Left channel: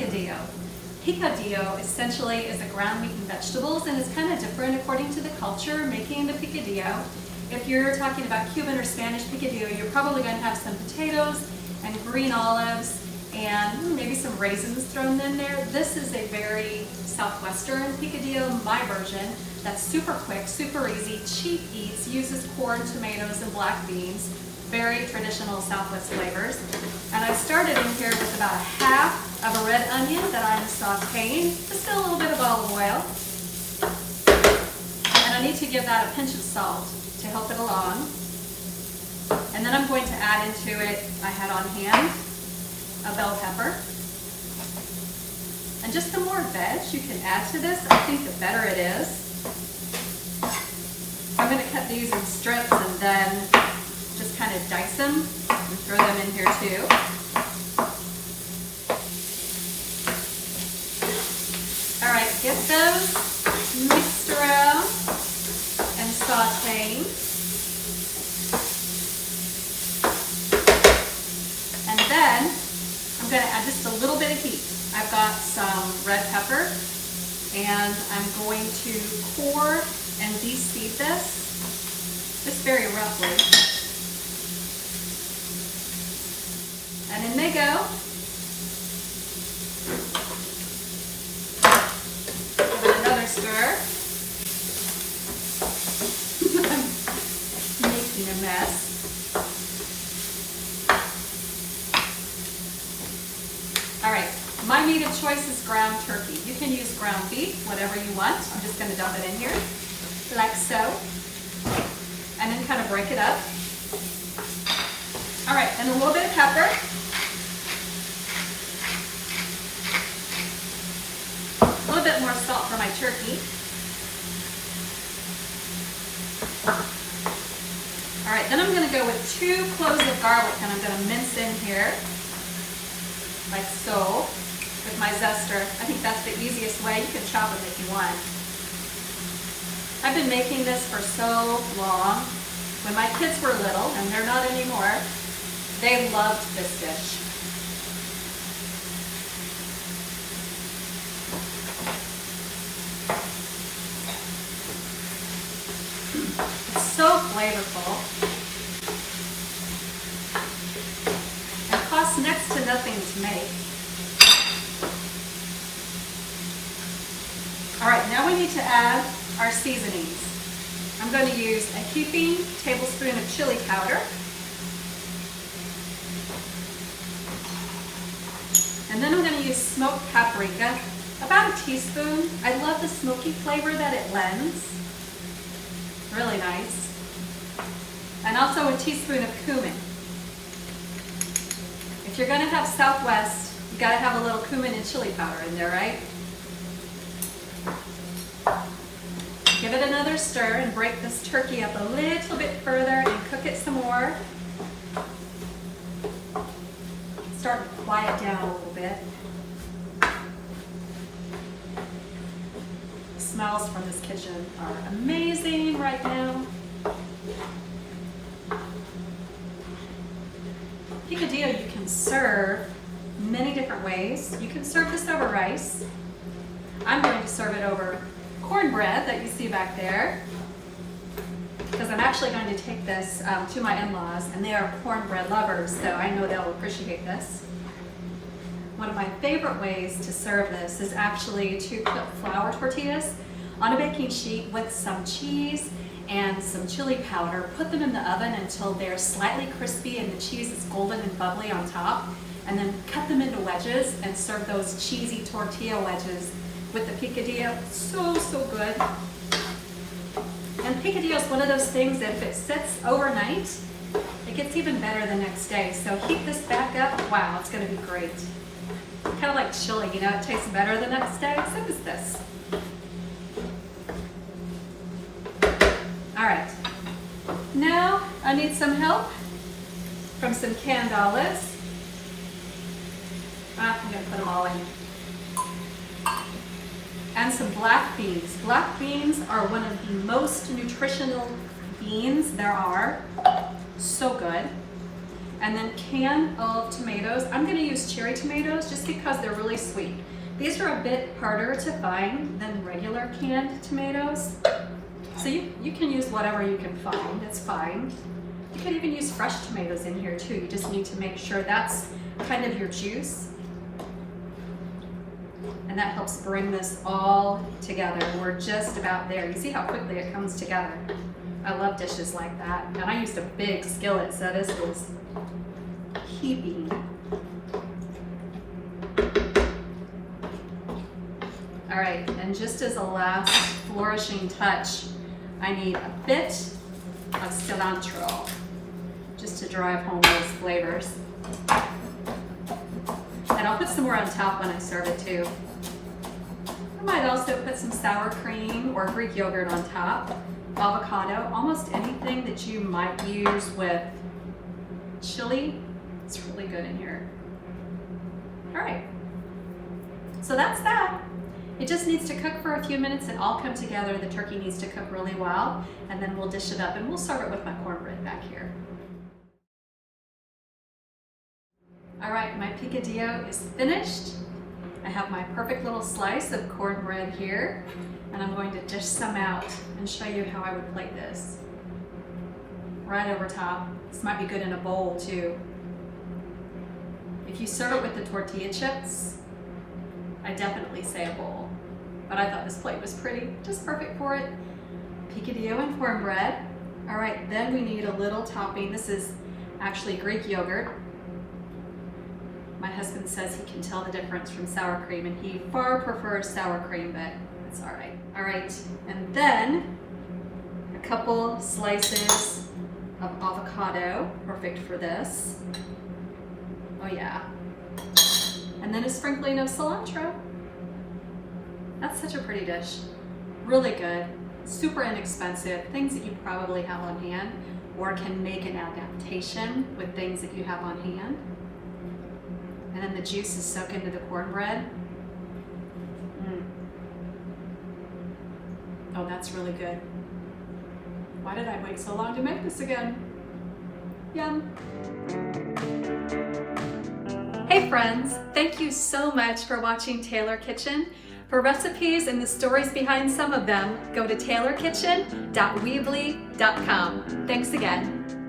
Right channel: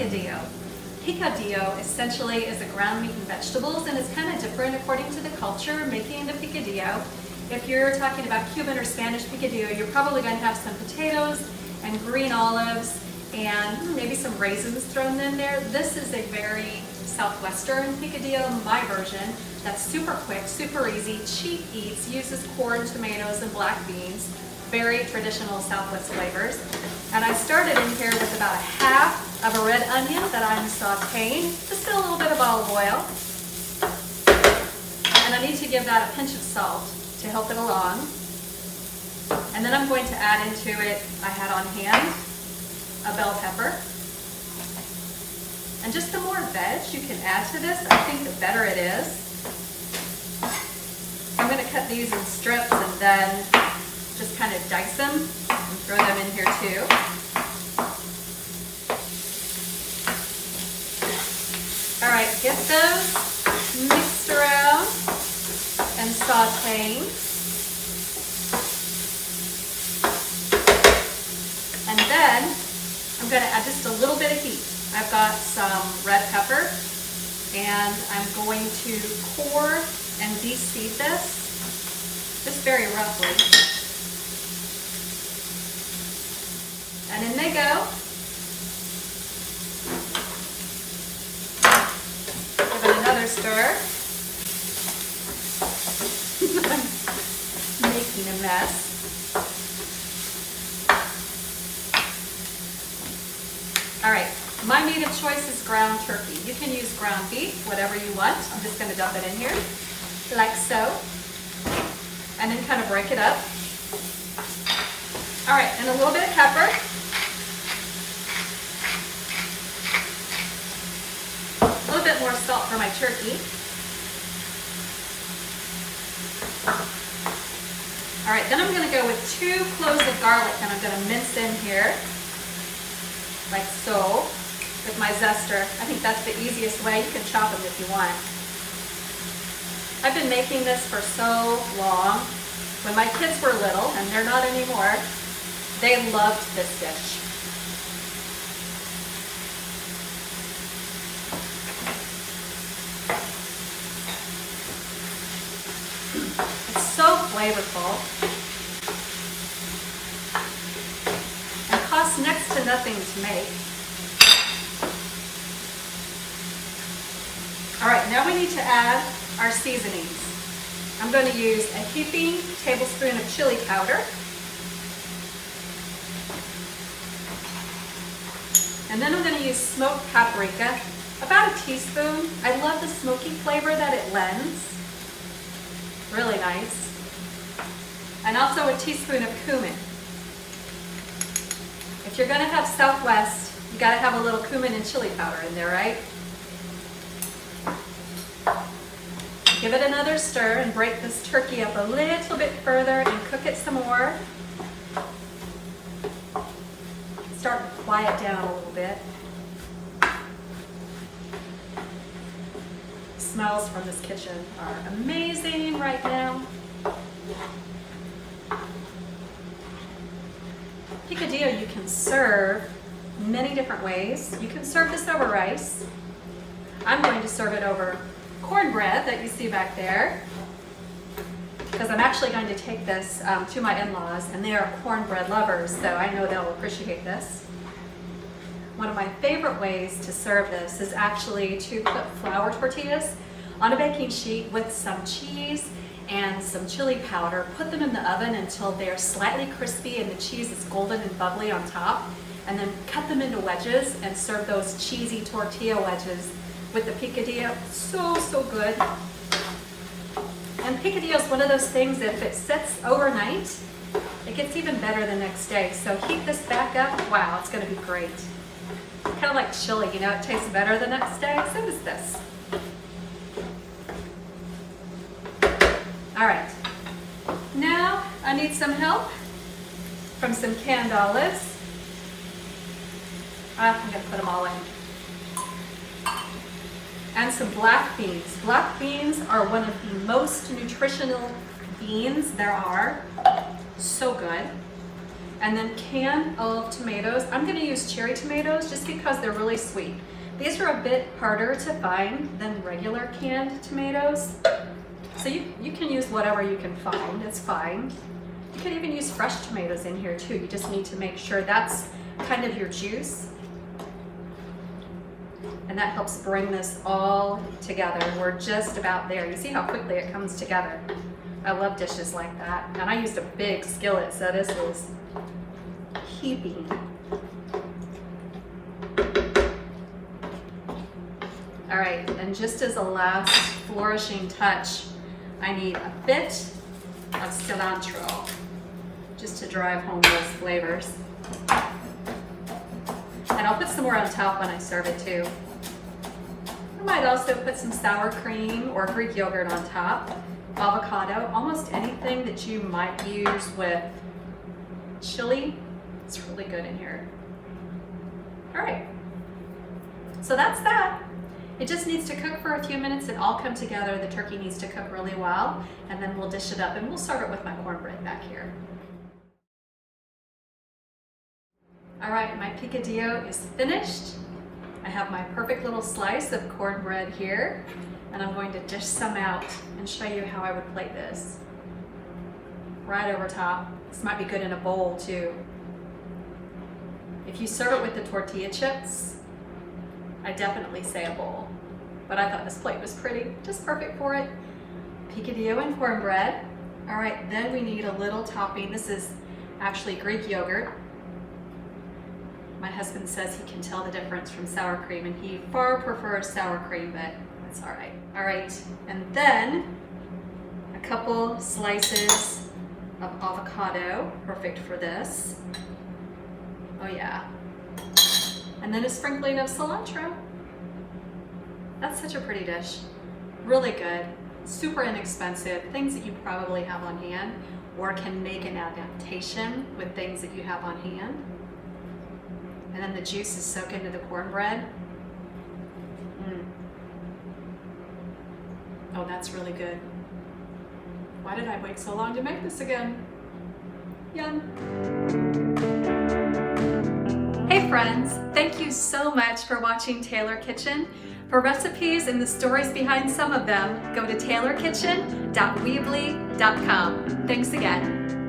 picadillo. Picadillo essentially is a ground meat and vegetables, and it's kind of different according to the culture making the picadillo. If you're talking about Cuban or Spanish picadillo, you're probably going to have some potatoes and green olives and maybe some raisins thrown in there. This is a very Southwestern picadillo, my version, that's super quick, super easy, cheap eats, uses corn, tomatoes, and black beans. Very traditional Southwest flavors. And I started in here with about a half of a red onion that I'm sauteing, just a little bit of olive oil. And I need to give that a pinch of salt to help it along. And then I'm going to add into it, I had on hand, a bell pepper. And just the more veg you can add to this, I think the better it is. I'm going to cut these in strips and then just kind of dice them and throw them in here too. All right, get those mixed around and sauteing. And then I'm going to add just a little bit of heat. I've got some red pepper and I'm going to core and de-seed this just very roughly. And in they go. Give it another stir. I'm making a mess. All right, my meat of choice is ground turkey. You can use ground beef, whatever you want. I'm just going to dump it in here, like so, and then kind of break it up. All right, and a little bit of pepper. A little bit more salt for my turkey. All right, then I'm going to go with 2 cloves of garlic, and I'm going to mince in here, like so, with my zester. I think that's the easiest way. You can chop them if you want. I've been making this for so long. When my kids were little, and they're not anymore, they loved this dish. It's so flavorful. And costs next to nothing to make. All right, now we need to add our seasonings. I'm going to use a heaping tablespoon of chili powder. And then I'm going to use smoked paprika, about a teaspoon. I love the smoky flavor that it lends. Really nice. And also a teaspoon of cumin. If you're going to have Southwest, you got to have a little cumin and chili powder in there, right? Give it another stir and break this turkey up a little bit further and cook it some more. Start to quiet down a little bit. The smells from this kitchen are amazing right now. Picadillo you can serve many different ways. You can serve this over rice. I'm going to serve it over cornbread that you see back there, because I'm actually going to take this to my in-laws, and they are cornbread lovers, so I know they'll appreciate this. One of my favorite ways to serve this is actually to put flour tortillas on a baking sheet with some cheese and some chili powder. Put them in the oven until they're slightly crispy and the cheese is golden and bubbly on top, and then cut them into wedges and serve those cheesy tortilla wedges with the picadillo. So good. And picadillo is one of those things that if it sits overnight, it gets even better the next day. So heat this back up. Wow, it's going to be great. Kind of like chili, you know, it tastes better the next day. So does this. All right. Now I need some help from some canned olives. I'm going to put them all in. And some black beans. Black beans are one of the most nutritional beans there are. So good. And then can of tomatoes. I'm gonna use cherry tomatoes just because they're really sweet. These are a bit harder to find than regular canned tomatoes. So you can use whatever you can find, that's fine. You can even use fresh tomatoes in here too. You just need to make sure that's kind of your juice. And that helps bring this all together. We're just about there. You see how quickly it comes together. I love dishes like that. And I used a big skillet, so this is heaping. All right, and just as a last flourishing touch, I need a bit of cilantro, just to drive home those flavors. And I'll put some more on top when I serve it too. I might also put some sour cream or Greek yogurt on top, avocado, almost anything that you might use with chili. It's really good in here. All right, so that's that. It just needs to cook for a few minutes and all come together. The turkey needs to cook really well, and then we'll dish it up and we'll serve it with my cornbread back here. All right, my picadillo is finished. I have my perfect little slice of cornbread here, and I'm going to dish some out and show you how I would plate this. Right over top. This might be good in a bowl too. If you serve it with the tortilla chips, I definitely say a bowl, but I thought this plate was pretty, just perfect for it. Picadillo and cornbread. All right, then we need a little topping. This is actually Greek yogurt. My husband says he can tell the difference from sour cream, and he far prefers sour cream, but that's all right. All right, and then a couple slices of avocado, perfect for this. Oh yeah. And then a sprinkling of cilantro. That's such a pretty dish. Really good, super inexpensive, things that you probably have on hand or can make an adaptation with things that you have on hand. And then the juice is soaked into the cornbread. Oh, that's really good. Why did I wait so long to make this again? Yum. Hey friends, thank you so much for watching Taylor Kitchen. For recipes and the stories behind some of them, go to taylorkitchen.weebly.com. Thanks again.